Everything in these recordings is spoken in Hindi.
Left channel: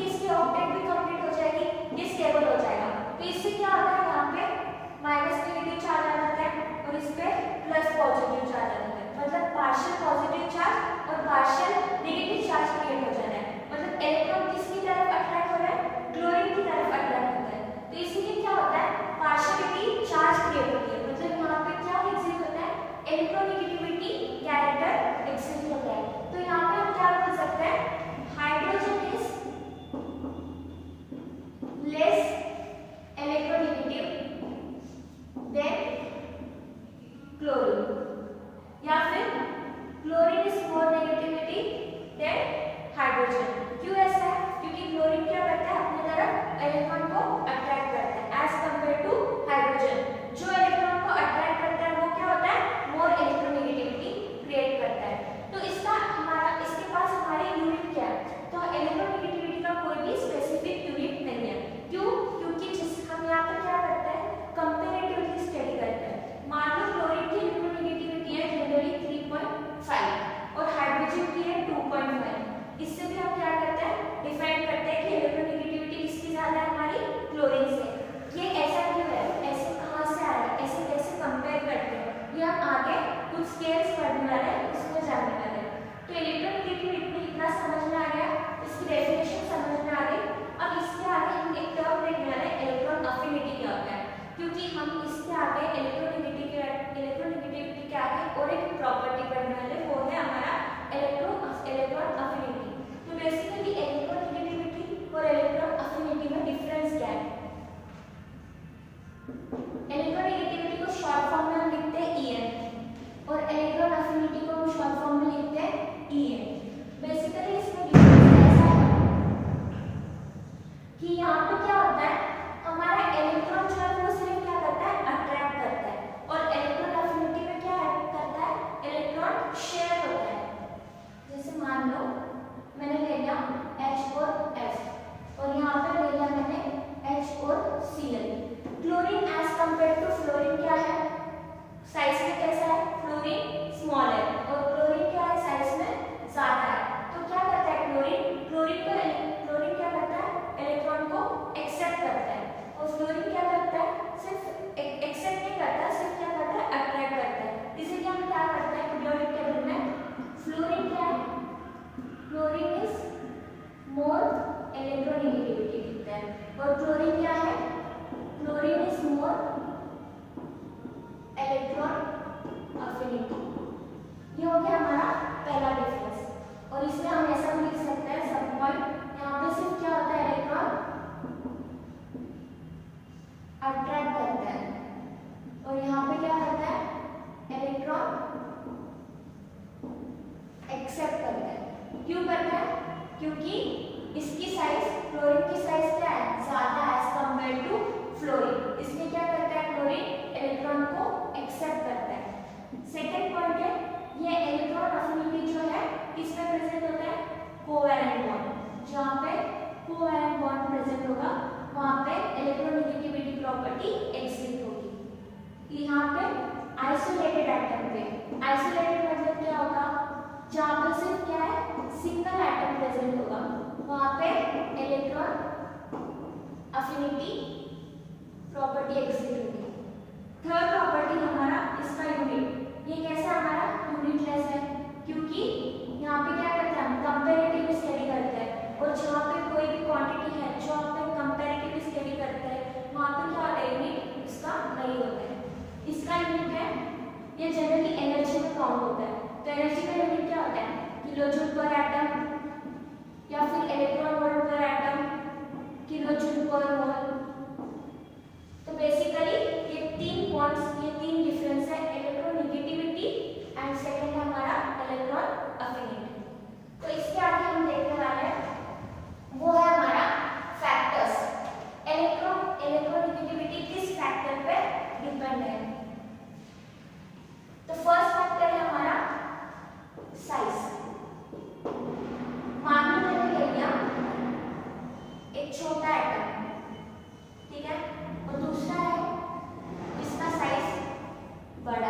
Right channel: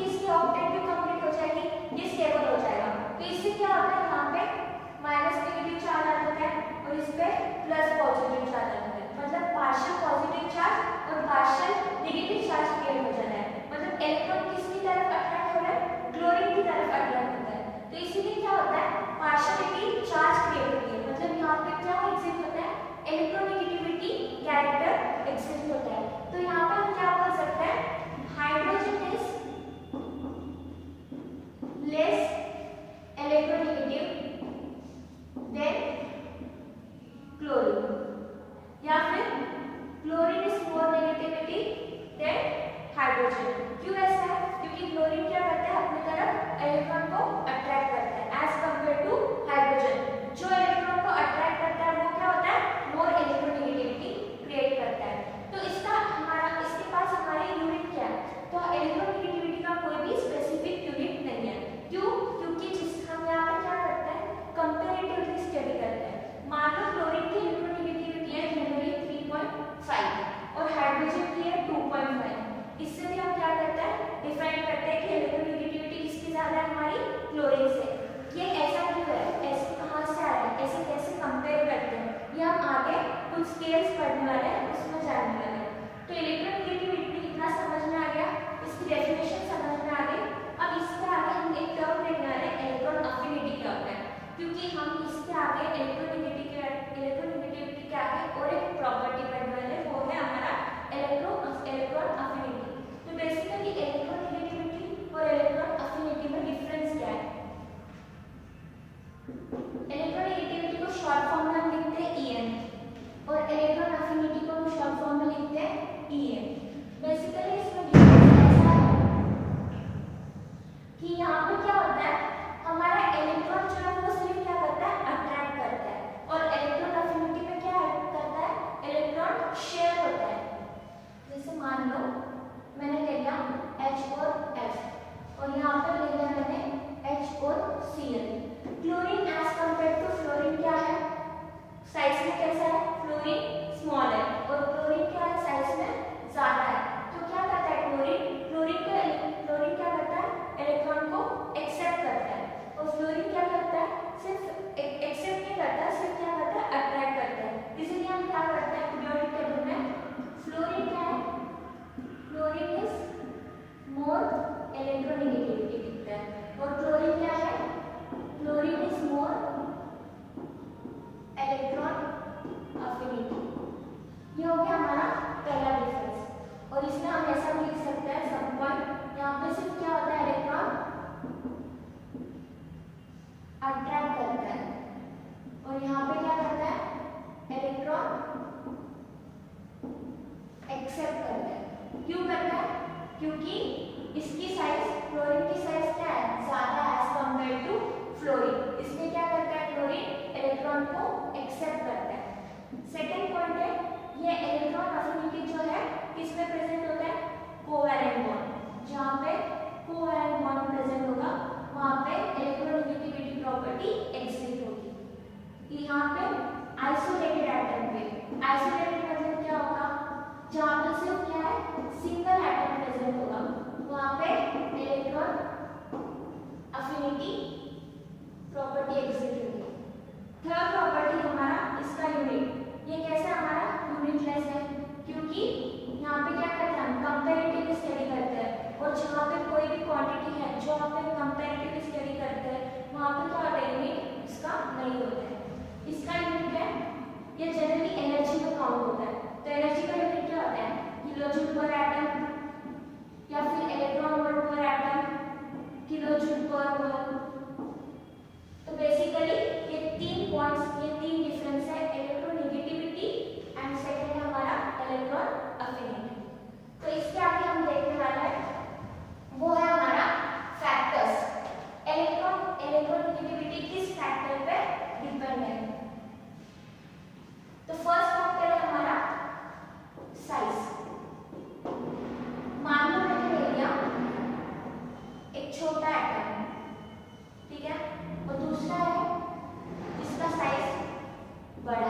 क्योंकि इसकी ऑक्टेट भी कंप्लीट हो जाएगी, ये स्टेबल हो जाएगा। तो इससे क्या होता है, यहाँ पे माइनस नेगेटिव चार्ज आ जाता है और इस पे प्लस पॉजिटिव चार्ज आ जाता है, मतलब पार्शियल पॉजिटिव चार्ज और पार्शियल नेगेटिव चार्ज क्रिएट हो जाता है। मतलब इलेक्ट्रॉन किसकी तरफ अट्रैक्ट हो रहा है, क्लोरीन की तरफ अट्रैक्ट होता है। तो इसीलिए क्या होता है, पार्शियलिटी चार्ज क्रिएट होती है, मतलब यहाँ पे क्या एग्जिस्ट होता है, इलेक्ट्रोनेगेटिविटी कैरेक्टर एग्जिस्ट होता है। तो यहाँ पे हम क्या बोल सकते हैं, hydrogen is less electronegative than chlorine, या फिर chlorine is more negativity than hydrogen. क्यों ऐसा है, क्योंकि क्लोरीन क्या करता है, अपनी तरफ इलेक्ट्रॉन को अट्रैक्ट करता है एज कंपेयर टू हाइड्रोजन। जो इलेक्ट्रॉन को अट्रैक्ट करता है वो क्या होता है, मोर इलेक्ट्रोनेगेटिविटी क्रिएट करता है। तो इसका हमारा इसके पास हमारी यूनिट क्या है, तो इलेक्ट्रोनेगेटिविटी का कोई भी स्पेसिफिक यूनिट नहीं है। क्यों, क्योंकि जिस हम यहाँ पर क्या करते हैं, कंपैरेटिवली स्टडी करते हैं। मान लो क्लोरीन की इलेक्ट्रोनेगेटिविटी है जनरली 3.5 और हाइड्रोजन की है 2.5। इससे भी हम क्या करते हैं, डिफाइन करते हैं कि इलेक्ट्रोनेगेटिविटी किसकी ज्यादा है, हमारी क्लोरीन से। ये ऐसा क्यों है, ऐसे कहाँ से आया है, ऐसे कैसे कंपेयर करते हैं, ये हम आगे कुछ स्केल्स पढ़ने वाले हैं, उसमें जानने वाले हैं। तो इलेक्ट्रोनेगेटिविटी इतना समझ में आ गया, इसकी डेफिनेशन समझ में आ गई। अब इसके आगे हम एक टर्म देखने वाले हैं, इलेक्ट्रॉन अफिनिटी क्या होता है, क्योंकि हम इसके आगे इलेक्ट्रोनेगेटिविटी के आगे और एक प्रॉपर्टी पढ़ने वाले हैं, वो है हमारा इलेक्ट्रॉन अफिनिटी। तो बेसिकली इलेक्ट्रोनेगेटिविटी और इलेक्ट्रॉन अफिनिटी में डिफरेंस क्या है। इलेक्ट्रोनेगेटिविटी को शॉर्ट फॉर्म में हम लिखते हैं EN और इलेक्ट्रॉन अफिनिटी को हम शॉर्ट फॉर्म में लिखते हैं EN। बेसिकली इसमें डिफरेंस ऐसा है कि यहाँ पे क्या होता है, हमारा इलेक्ट्रॉन जो है वो सिर्फ क्या करता है, अट्रैक्ट करता है, और इलेक्ट्रॉन अफिनिटी में क्या करता है, इलेक्ट्रॉन शेयर होता है। जैसे मान लो मैंने ले लिया H और F और यहाँ पे ले लिया मैंने H और Cl। Chlorine as compare to fluorine क्या है, साइज में कैसा है, फ्लोरीन स्मॉल है और क्लोरीन क्या है, साइज में ज्यादा है। तो क्या करता है क्लोरीन क्या करता है, इलेक्ट्रॉन को एक्सेप्ट करता है, और फ्लोरीन क्या करता है, सिर्फ एक्सेप्ट नहीं करता, सिर्फ क्या करता है, अट्रैक्ट करता है। इसीलिए हम क्या करते हैं पीरियोडिक टेबल में, फ्लोरीन क्या है, फ्लोरीन इज मोर इलेक्ट्रोनेगेटिविटी दिखता है, और क्लोरीन क्या है, chlorine is more electron affinity. ये हो गया हमारा पहला डिफरेंस। और इसमें हम ऐसा भी लिख सकते हैं सब पॉइंट, यहाँ पे सिर्फ क्या होता है, इलेक्ट्रॉन अट्रैक्ट करता है और यहाँ पे क्या करता है, इलेक्ट्रॉन एक्सेप्ट करता है। क्यों करता है, क्योंकि इसकी साइज, क्लोरीन की साइज क्या है, ज्यादा एज कंपेयर टू फ्लोरीन, इसलिए क्या करता है, क्लोरीन इलेक्ट्रॉन को एक्सेप्ट करता है। सेकेंड पॉइंट है, ये इलेक्ट्रॉन अफिनिटी जो है किसमें प्रेजेंट होता है, कोवैलेंट बॉन्ड। जहाँ पे कोवैलेंट बॉन्ड प्रेजेंट होगा वहाँ पे इलेक्ट्रोनेगेटिविटी प्रॉपर्टी एग्जिस्ट होगी। यहाँ पे आइसोलेटेड एटम पे, आइसोलेटेड मतलब क्या होगा, जहाँ पे सिर्फ क्या है, सिंगल एटम प्रेजेंट होगा, वहाँ पे इलेक्ट्रॉन अफिनिटी प्रॉपर्टी एग्जिस्ट होगी। थर्ड प्रॉपर्टी हमारा इसका यूनिट, ये कैसा हमारा यूनिटलेस है, क्योंकि यहाँ पे क्या करते हैं, हम कंपैरेटिव स्टडी करते हैं, और जहाँ पे कोई भी क्वांटिटी है जो आप कंपैरेटिव स्टडी करते हैं वहाँ पे क्या होता है, यूनिट इसका नहीं होता है। इसका यूनिट है, ये जनरली एनर्जी में काउंट होता है। तो एनर्जी का यूनिट क्या होता है, किलोजूल पर एटम या फिर इलेक्ट्रॉन वोल्ट पर एटम, किलोजूल पर मोल। तो बेसिकली ये तीन पॉइंट्स, ये तीन डिफरेंस है, इलेक्ट्रोनेगेटिविटी एंड सेकंड है हमारा इलेक्ट्रॉन अफिनिटी। तो इसके आगे हम देखने वाले हैं वो है हमारा फैक्टर्स, इलेक्ट्रोनेगेटिविटी किस फैक्टर पे डिपेंड है। तो फर्स्ट फैक्टर है हमारा साइज। मान लो मैंने ले लिया एक छोटा एटम, ठीक है, और दूसरा है जिसका साइज बड़ा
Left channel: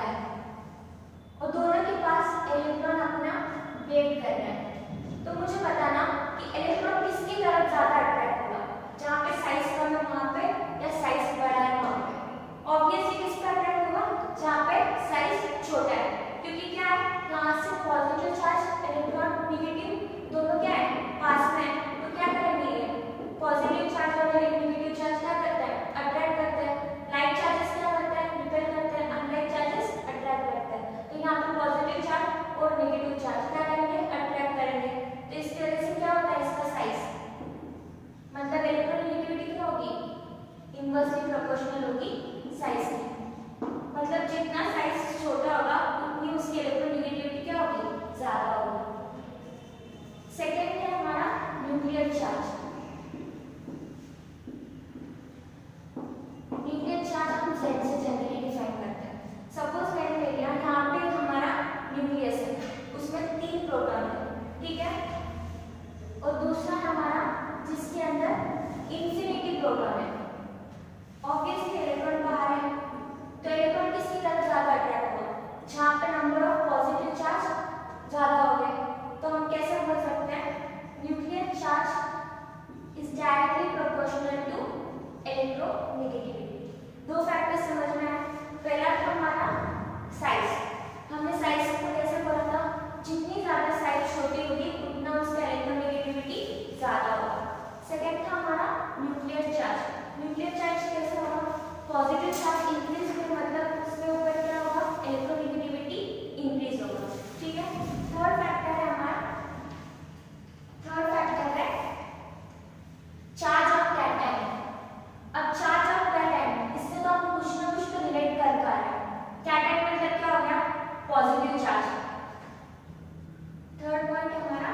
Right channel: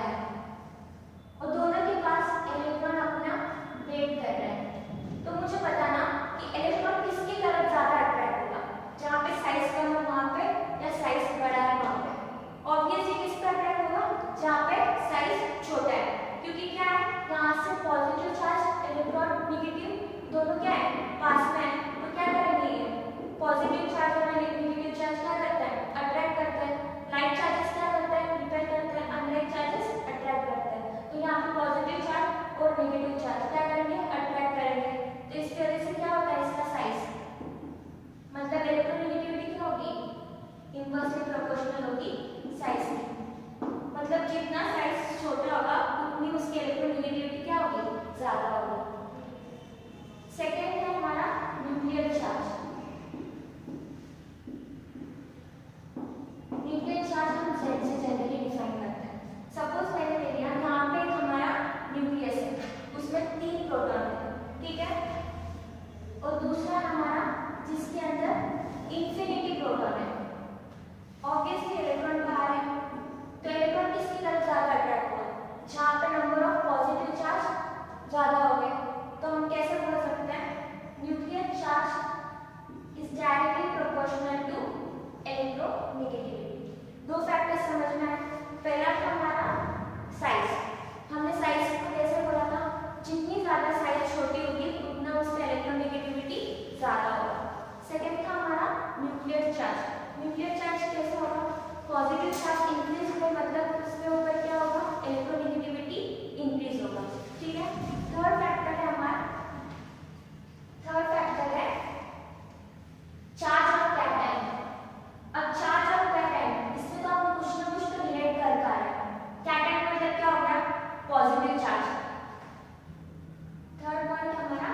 और नेगेटिव चार्ज क्या करेंगे, अट्रैक्ट करेंगे। तो इसकी वजह से क्या होता है, इसका साइज मतलब इलेक्ट्रोनेगेटिविटी क्या होगी, इनवर्सली प्रोपोर्शनल होगी साइज की। मतलब जितना साइज छोटा होगा उतनी उसकी इलेक्ट्रोनेगेटिविटी क्या होगी, ज्यादा होगी। सेकेंड है हमारा न्यूक्लियर चार्ज। न्यूक्लियर चार्ज हम Z से जनरली डिफाइन करते हैं। सपोज मैंने ले लिया यहाँ पे हमारा न्यूक्लियस है, उसमें 3 प्रोटॉन है, ठीक है, और दूसरा हमारा जिसके अंदर इंफिनिटी प्रोटॉन है। ऑब्वियसली इलेक्ट्रॉन बाहर है, तो इलेक्ट्रॉन किसकी तरफ ज्यादा अट्रैक्ट होगा, जहाँ पे नंबर ऑफ पॉजिटिव चार्ज ज्यादा हो गए। तो हम कैसे बोल सकते हैं, nuclear charge is directly proportional to electronegativity. दो फैक्टर्स समझ में आए। पहला था हमारा साइज, हमने साइज को कैसे बोला था, जितनी ज्यादा साइज छोटी होगी उतना उसका इलेक्ट्रोनेगेटिविटी ज्यादा होगा। सेकंड था हमारा न्यूक्लियर चार्ज। न्यूक्लियर चार्ज कैसे होगा, पॉजिटिव चार्ज इंक्रीज होगा, मतलब उसके ऊपर क्या होगा, इलेक्ट्रोनेगेटिविटी इंक्रीज होगा, ठीक है। थर्ड फैक्टर है हमारा, थर्ड फैक्टर है चार्ज ऑफ कैटायन। अब चार्ज ऑफ कैटायन, इससे तो हम कुछ ना कुछ तो रिलेट कर पा रहे हैं। कैटायन मतलब क्या हो गया, पॉजिटिव चार्ज। थर्ड पॉइंट हमारा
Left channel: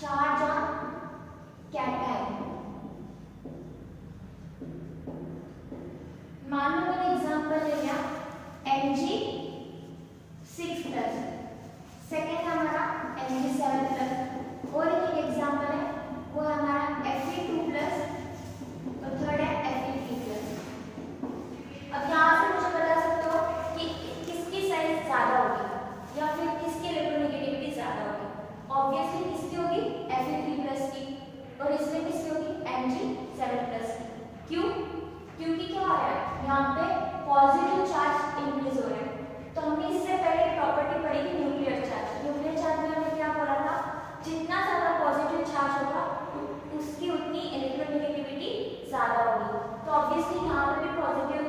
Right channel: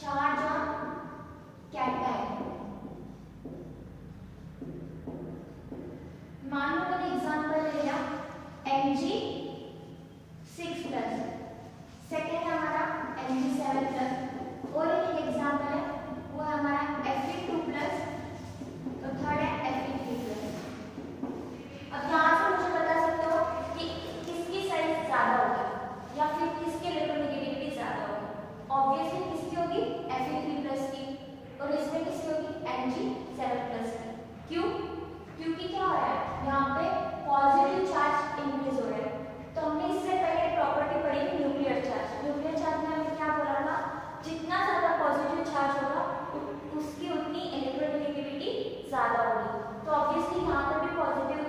चार्ज ऑफ कैटायन। मान लो मैंने एग्जांपल ले लिया Mg6+, सेकेंड हमारा Mg7+, और एक एग्जांपल है वो है हमारा Fe2+, और थर्ड है Fe3+। अब यहाँ से मुझे बता सकते हो कि किसकी साइज ज्यादा होगी या फिर किसकी इलेक्ट्रोनेगेटिविटी ज्यादा होगी। ऑब्वियसली किसकी होगी, Fe3+ की, और इसमें किसकी होगी, Mg7+ की। क्यों, क्योंकि क्या हो रहा है यहाँ पे पॉजिटिव चार्ज इंक्रीज हो रहा है। तो हमने इससे पहले प्रॉपर्टी पढ़ी थी न्यूक्लियर चार्ज। न्यूक्लियर चार्ज में हमने क्या बोला था, जितना ज्यादा पॉजिटिव चार्ज होगा उसकी उतनी इलेक्ट्रोनेगेटिविटी ज्यादा होगी। तो ऑब्वियसली यहाँ पे भी पॉजिटिव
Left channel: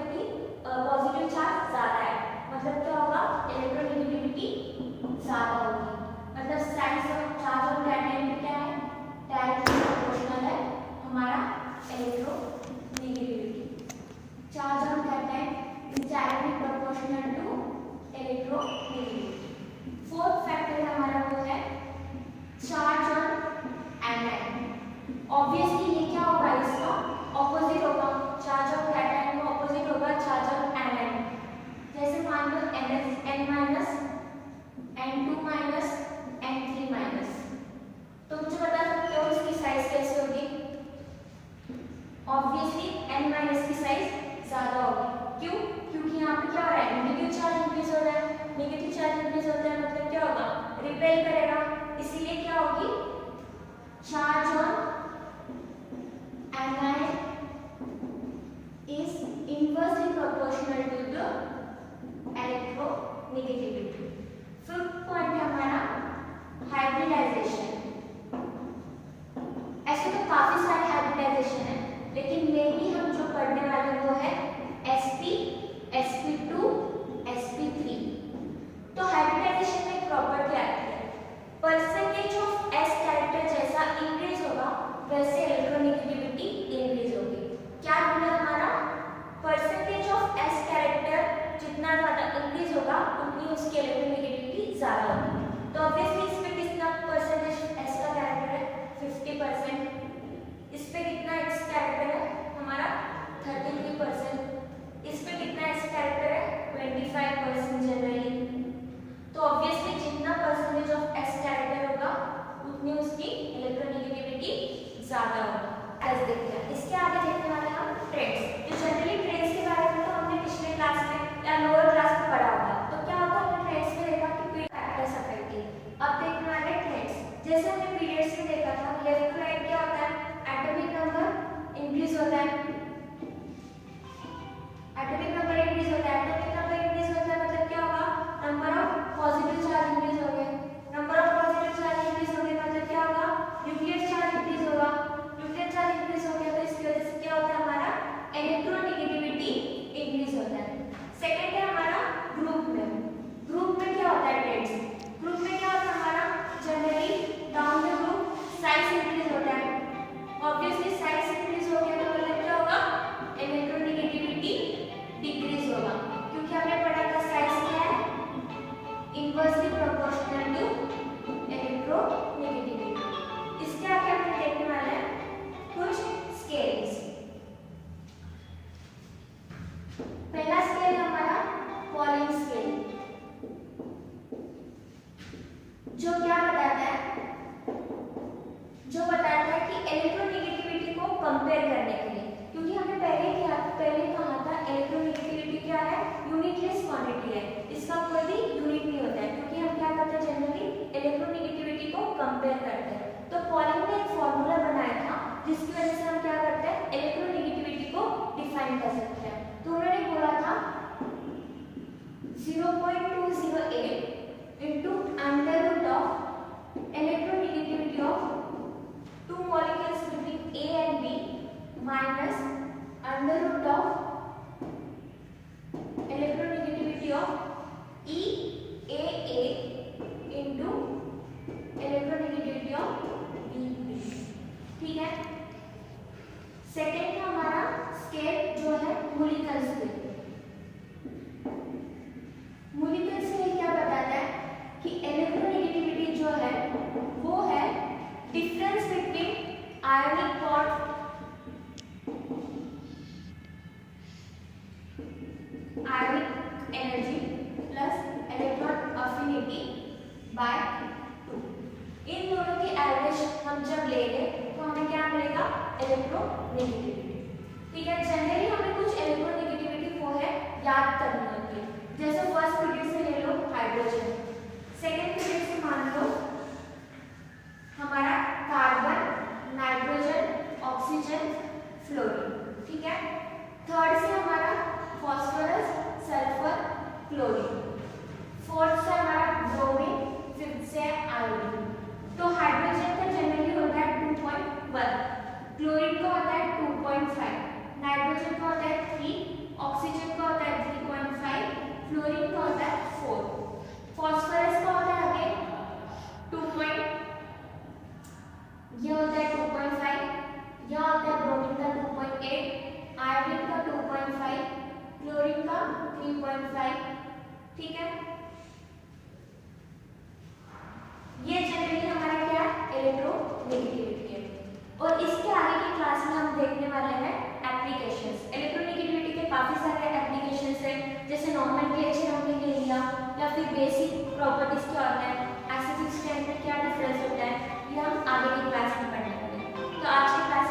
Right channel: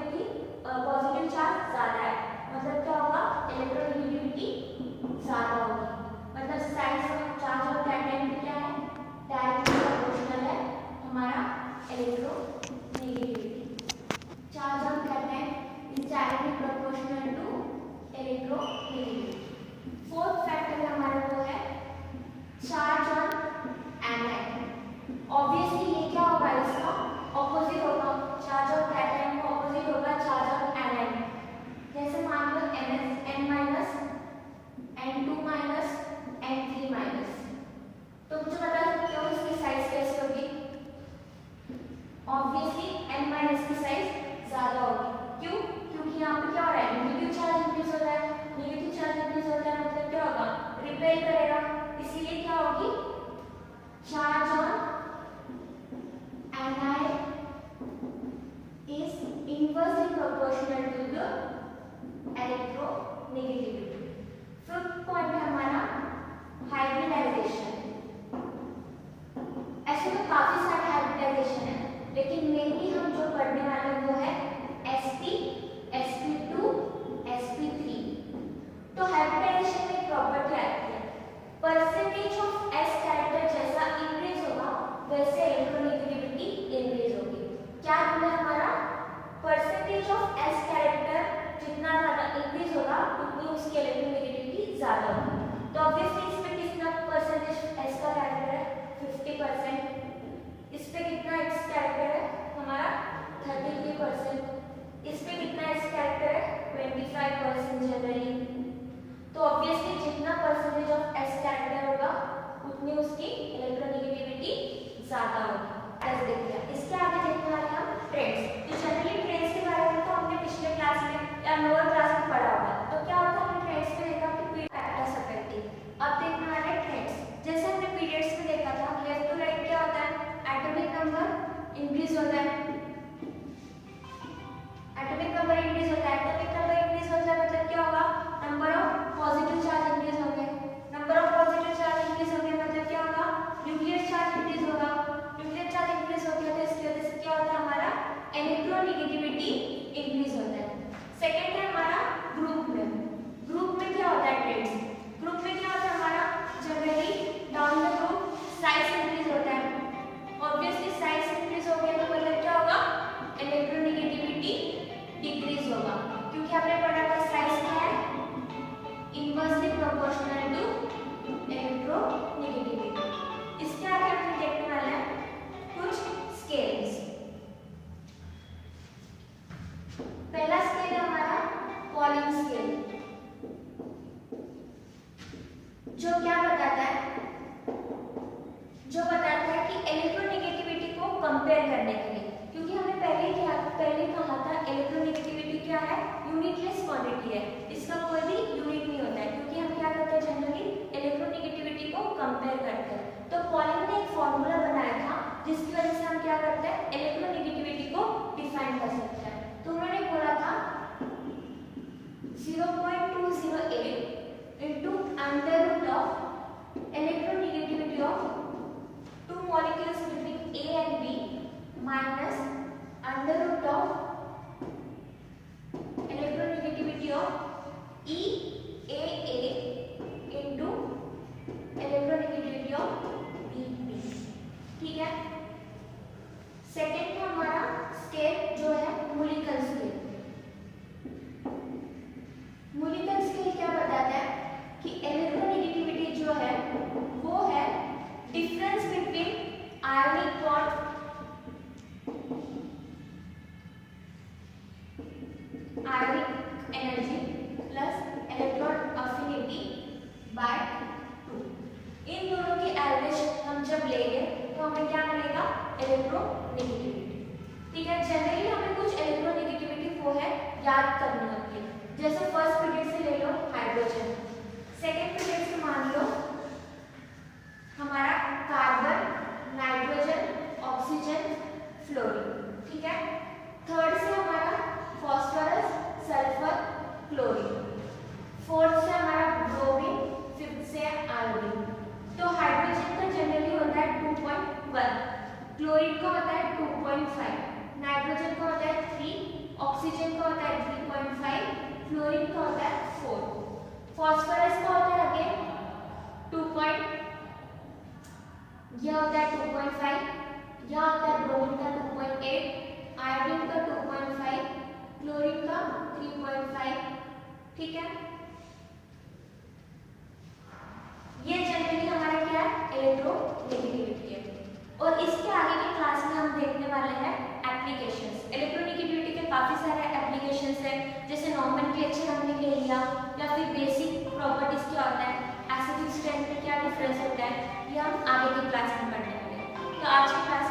चार्ज ज्यादा है, मतलब क्या होगा, इलेक्ट्रोनेगेटिविटी ज्यादा होगी। मतलब size of charge of cation भी क्या है, डायरेक्टली प्रोपोर्शनल है हमारा electronegativity. Charge of cation is directly proportional to electronegativity. Fourth factor हमारा वो है चार्ज ऑन एनायन। ऑब्वियसली ये क्या होगा, इसका ऑपोजिट होगा, चार्ज ऑफ कैटायन का ऑपोजिट होगा चार्ज ऑफ एनायन। जैसे मान लो N-, N2-, N3-, तो मुझे बता सकते हो इसकी साइज कैसे होगी। ऑब्वियसली N- की साइज ज्यादा होगी। क्यों, क्योंकि यहाँ पे क्या हो रहा है, नेगेटिव चार्ज इंक्रीज हो रहा है। नेगेटिव चार्ज इंक्रीज होता है मतलब क्या होगा, रिपेल करेगा, इसीलिए क्या होगी, charge on anion is inversely proportional to the electronegativity. Fifth point है हमारा हाइब्रिडाइजेशन। ऐसे तो काफी सारे हाइब्रिडाइजेशन है, लेकिन मेनली हम जो पढ़ने वाले वो है sp, sp2, sp3। तो हाइब्रिडाइजेशन में एक प्रॉपर्टी आती है, परसेंटेज ऑफ s कैरेक्टर जैसा इंक्रीज होगा वैसे इलेक्ट्रोनेगेटिविटी इंक्रीज होगी। क्या बोले हमारा, परसेंटेज ऑफ s कैरेक्टर जितना ज्यादा इंक्रीज होगा उतनी उसकी इलेक्ट्रोनेगेटिविटी ज्यादा होगी। तो ऑब्वियसली इसमें कितना परसेंटेज s का कैरेक्टर है, 50%। इस पे कितना x कैरेक्टर है हमारा, 33%। इस पे कितना s कैरेक्टर है, 25% जनरली। तो ऑब्वियसली जितना परसेंटेज ऑफ s कैरेक्टर होगा उतनी उसकी इलेक्ट्रोनेगेटिविटी ज्यादा होगी। ऐसे देखते हैं, इसके आगे देखने वाले हम ट्रेड्स। तो जनरली ट्रेड्स के बारे में तो हमने पिछले क्लास में या लोअर क्लास में पढ़ा होगा। तो क्या होता है, हमने ट्रेड्स में देखा कि factors inversely proportional to electronegativity. इसके आगे हम देखने वाले हैं कुछ स्केल्स। पहला स्केल है हमारा पॉलिंग स्केल, जो क्या बताता है, कि इलेक्ट्रोनेगेटिविटी को कंपेयर करने के लिए, क्योंकि हमने पहले कहा था इलेक्ट्रोनेगेटिविटी क्या है, यूनिटलेस क्वांटिटी है, इसका कोई भी यूनिट नहीं होता है, क्योंकि हम क्या करते हैं जनरली इलेक्ट्रोनेगेटिविटी को कंपेयर करते हैं। तो पॉलिंग ने एक फॉर्मूला बनाया था जिसकी वजह से हम क्या करते हैं, इलेक्ट्रोनेगेटिविटी को डिफाइन कर सकते हैं। तो उन्होंने बोला था 0.208 into under root of electronegativity of two molecules between A and B minus under root of electronegativity of EAA into electronegativity of BB। ठीक है। सेकेंड का हमारा स्केल जो है मूलिकल स्केल। मूलिकल स्केल क्या बताता है कि इलेक्ट्रोनेगेटिविटी जो है वो है difference between ionic bond ionic energy plus electron affinity by 2। इन दोनों की एवरेज हम जब लेंगे तो हमें क्या मिलेगा, इलेक्ट्रोनेगेटिविटी। ठीक है। जनरली हमें कुछ इलेक्ट्रोनेगेटिविटी वो है याद करनी होती है, जैसे फर्स्ट पीरियड से ले लो हाइड्रोजन, सेकेंड पीरियड से मान लो हमारा कार्बन, नाइट्रोजन, ऑक्सीजन, फ्लोरीन। ठीक है। थर्ड से हमारा फॉस्फोरस, सल्फर, क्लोरीन। फोर्थ से हमारा ब्रोमीन, फिफ्थ से आयोडीन। तो हाइड्रोजन का जनरली होता है 2.1, क्लोरीन का होता है 2.5, नाइट्रोजन का होता है 3, ऑक्सीजन का होता है 3.5, फ्लोरीन का होता है 4, फॉस्फोरस का होता है अगेन 2. यह होता है 2.5, यह होता है ब्रोमीन का 2.8, आयोडीन का 2.5, क्लोरीन का 3.5। ठीक है। ये जनरली हमारा क्या है, इलेक्ट्रोनेगेटिविटी है। और इसके आगे की क्लास में हम देखने वाले हैं एप्लीकेशंस। इलेक्ट्रोनेगेटिविटी के काफी सारे एप्लीकेशंस हैं, जैसे नॉमेनक्लेचर हमने ले लिया, या फिर बेसिक प्रॉपर्टीज क्या होता है, एसिडिक स्ट्रेंथ में क्या डिफरेंस होता है, ये हम आगे की क्लास में पढ़ने वाले हैं। तो आज की क्लास